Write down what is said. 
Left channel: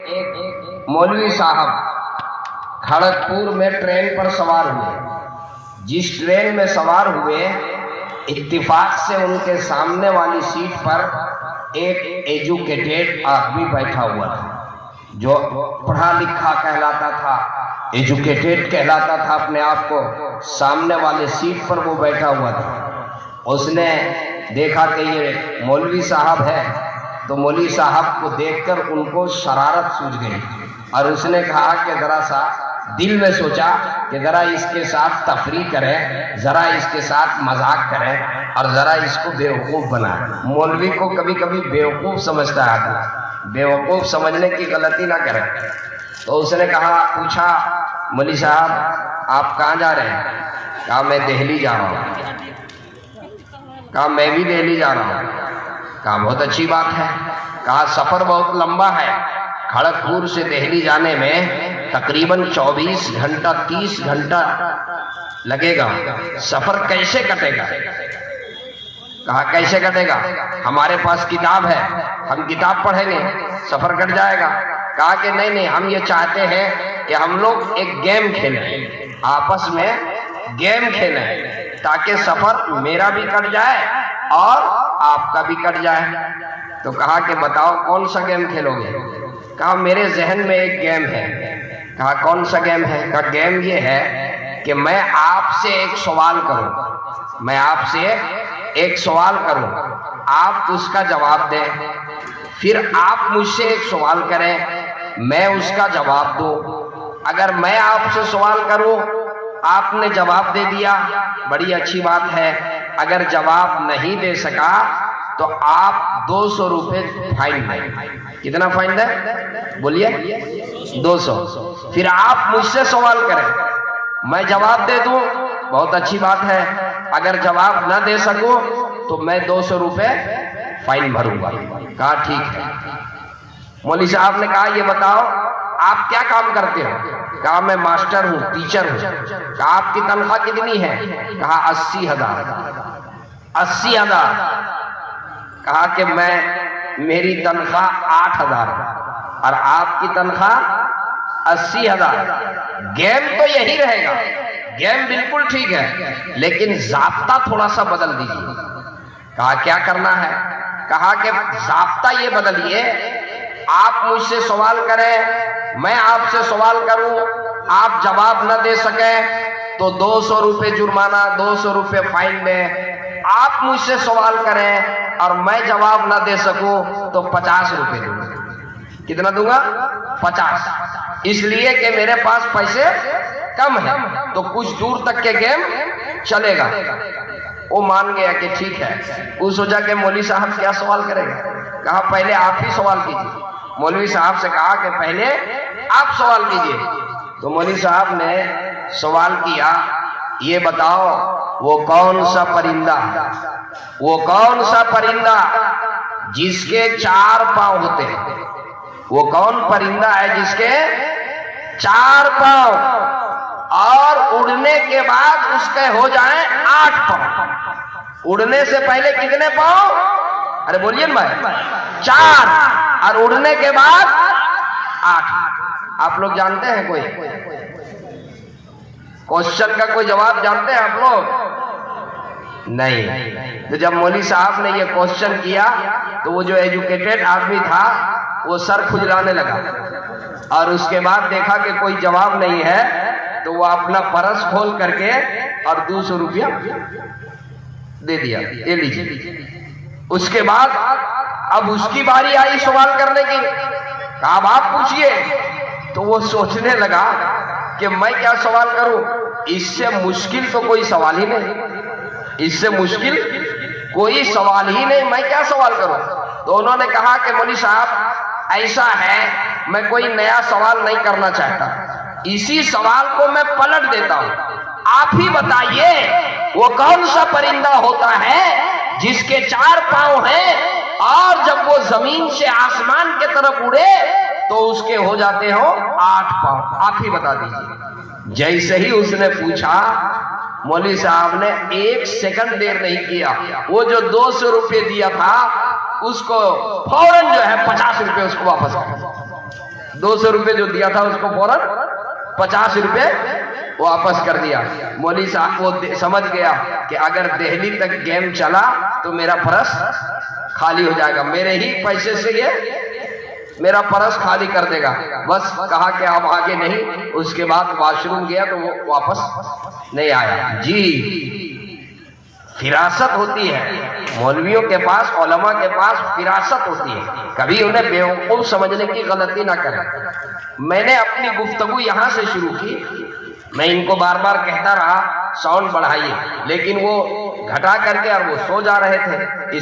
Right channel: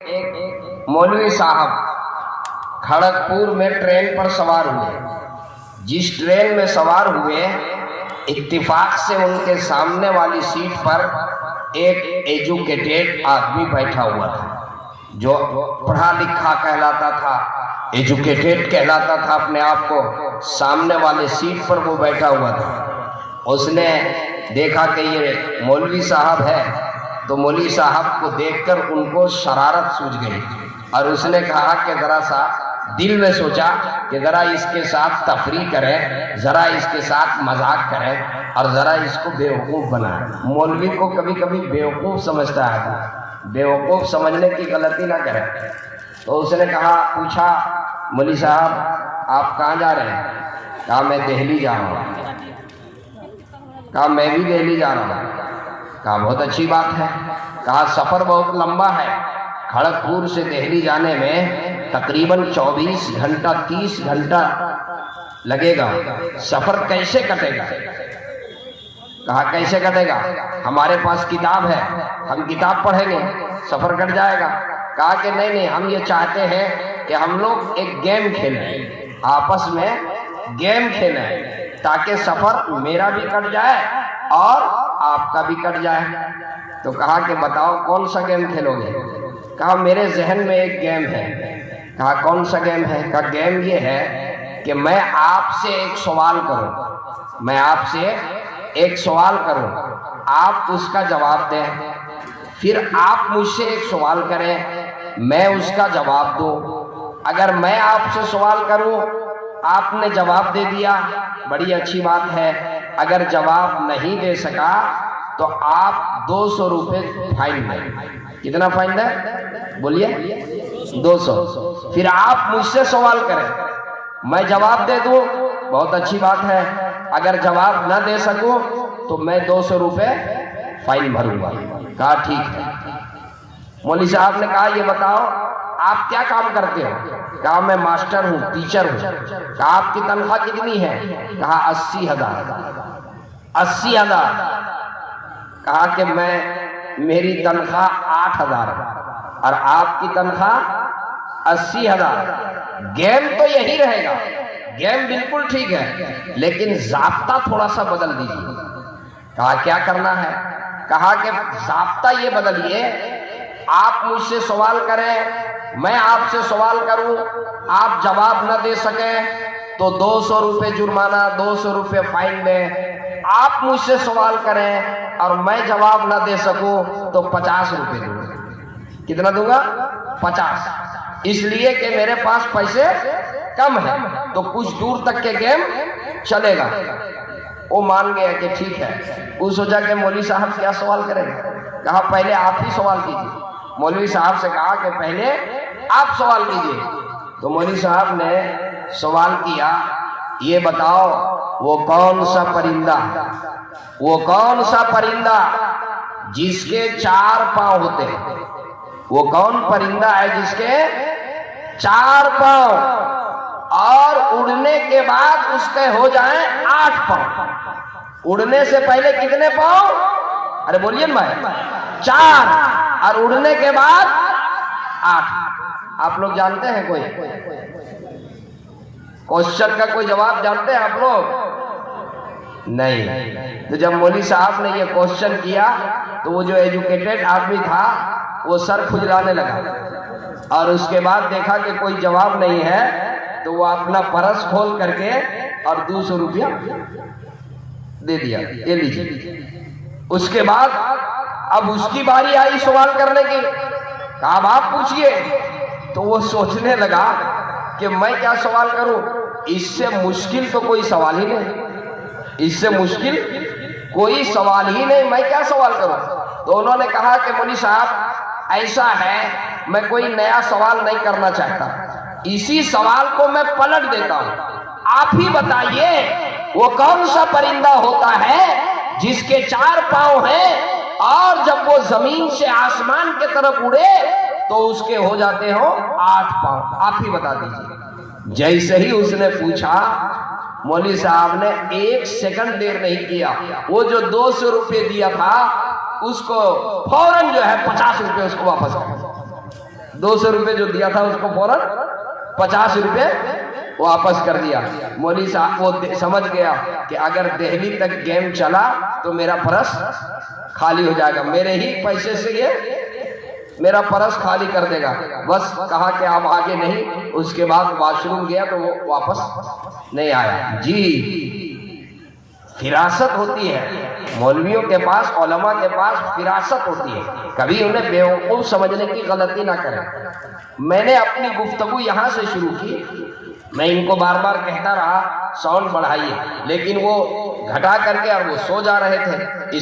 एक मौलवी साहब खड़गपुर में ट्रेन पर सवार हुए। जिस ट्रेन में सवार हुए, इत्तेफाक से उनके सामने वाली सीट पर एक एजुकेटेड आदमी बैठा हुआ था, जो पढ़ा लिखा कहलाता था, एजुकेटेड कहलाता था अपने आप को। सामने वाले सीट पर वो बैठा हुआ था। उसने देखा कि ये मौलवी साहब है, तो मौलवी साहब को देखकर उनको शरारत सूझ गई और उसने कहा कि जरा सा दिल में सोचा कि जरा इसके साथ तफरीह करें, जरा इसके साथ मजाक करें और जरा इसको बेवकूफ़ बनाएं। मौलवी को कभी कभी बेवकूफ़ समझता है आदमी, बेवकूफ़ समझने की गलती ना करें। तो उसने कहा, पूछा, मौलवी साहब आप कहाँ जा रहे हैं? कहा मैं दिल्ली जा रहा हूँ। कहा मैं भी दिल्ली जा रहा हूँ। कहा बहुत अच्छी बात है। कहा सफ़र बहुत लंबा है, खड़गपुर से दिल्ली जाने में तकरीबन 24 घंटा 30 घंटा लगेगा, सफ़र कैसे कटेगा? कहा कैसे कटेगा? हमारे पास किताब है, हम किताब पढ़ेंगे, सफ़र कट जाएगा। कहा कि नहीं नहीं, हम ये चाहते हैं कि हम लोग एक गेम खेलें, आपस में गेम खेलें ताकि सफ़र मेरा भी कट जाए और आपका भी कट जाए। तो कहा कि बताओ कौन सा गेम खेलोगे? कहा मेरे जहन में एक गेम है। कहा कौन सा गेम है? कहा गेम ये है कि मैं आपसे एक सवाल करूं, मैं आपसे एक सवाल करूं, आप उसका जवाब दें, फिर आप मुझसे एक सवाल करें, मैं उसका जवाब दूं। अगर मैं आपसे सवाल करूं, आपने जवाब दे दिया, बड़ी अच्छी बात है। अगर जवाब नहीं दे सका तो आप 200 रुपये फाइन दें। कितना फाइन है? बोलिए 200। फिर आप मुझसे सवाल करें, मैं जवाब दे दूं, बहुत अच्छी बात है। अगर जवाब न दे सकूं तो मैं 200 रुपये फाइन भरूंगा। कहा ठीक है। मौलवी साहब ने कहा ये बताओ आप क्या काम करते हो? कहा मैं मास्टर हूँ, टीचर हूँ। कहा आपकी तनख्वाह कितनी है? कहा 80,000। 80,000। कहा कि मेरी तनख्वाह 8,000 और आपकी तनख्वाह 80,000। गेम तो यही रहेगा, गेम बिल्कुल ठीक है, लेकिन ज़ाब्ता थोड़ा सा बदल दीजिए। कहा क्या करना है? कहा कि ज़ाब्ता ये बदलिए, आप मुझसे सवाल करें, मैं आपसे सवाल करूं, आप जवाब न दे सके तो 200 रुपये जुर्माना, 200 रुपये फाइन दें। आप मुझसे सवाल करें और मैं जवाब न दे सकूं तो 50 रुपये दूंगा। कितना दूंगा? 50। इसलिए कि मेरे पास पैसे कम है, तो कुछ दूर तक के गेम चलेगा। वो मान गया कि ठीक है। वो सोचा कि मौलवी साहब क्या सवाल करेंगे। कहा पहले आप ही सवाल कीजिए। मौलवी साहब से कहा कि पहले आप सवाल कीजिए। तो मौलवी साहब ने सवाल किया, ये बताओ वो कौन सा परिंदा, वो कौन सा परिंदा जिसके 4 पांव होते हैं? वो कौन परिंदा है जिसके 4 पांव और उड़ने के बाद उसके हो जाएं 8 पांव? उड़ने से पहले कितने पांव? अरे बोलिए ना भाई। 4 और उड़ने के बाद 8। आप लोग जानते हैं कोई क्वेश्चन का कोई जवाब जानते हैं आप लोग? नहीं। तो जब मौलवी साहब ने ये क्वेश्चन किया तो वो जो एजुकेटेड आदमी था वो सर खुजलाने लगा और उसके बाद देखा कि कोई जवाब नहीं है तो वो अपना पर्स खोल करके और 200 रुपया दे दिया, ये लीजिए। उसके बाद अब उसकी बारी आई सवाल करने की। कहा अब आप पूछिए। तो वो सोचने लगा कि मैं क्या सवाल करूं, इससे मुश्किल तो कोई सवाल ही नहीं, इससे मुश्किल कोई सवाल ही नहीं, मैं क्या सवाल करूं? तो उन्होंने कहा कि मौलवी साहब ऐसा है, मैं कोई नया सवाल नहीं करना चाहता, इसी सवाल को मैं पलट देता हूं। आप ही बताइए वो कौन सा परिंदा होता है जिसके 4 पांव हैं और जब वो जमीन से आसमान के तरफ उड़े तो उसके हो जाते हो 8 पांव? आप ही बता दीजिए। जैसे ही उसने पूछा, मौलवी साहब ने 1 सेकंड देर नहीं किया, वो जो 200 रुपये दिया था उसको फौरन जो है 50 रुपये उसको वापस कर 200 रुपए जो दिया था उसको फौरन 50 रुपए वापस कर दिया। मौलवी साहब वो समझ गया कि अगर दिल्ली तक गेम चला तो मेरा पर्स खाली हो जाएगा, मेरे ही पैसे से ये मेरा पर्स खाली कर देगा। बस कहा कि आप आगे नहीं। उसके बाद वॉशरूम गया तो वो वापस नहीं आया। जी, फिरासत होती है मौलवियों के पास, उलमा के पास फिरासत होती है। कभी उन्हें बेवकूफ समझने की गलती ना करें। मैंने अपनी गुफ्तगू यहाँ से शुरू की। मैं इनको बार बार कहता रहा साउंड बढ़ाइए, लेकिन वो घटा करके और वो सो जा रहे थे।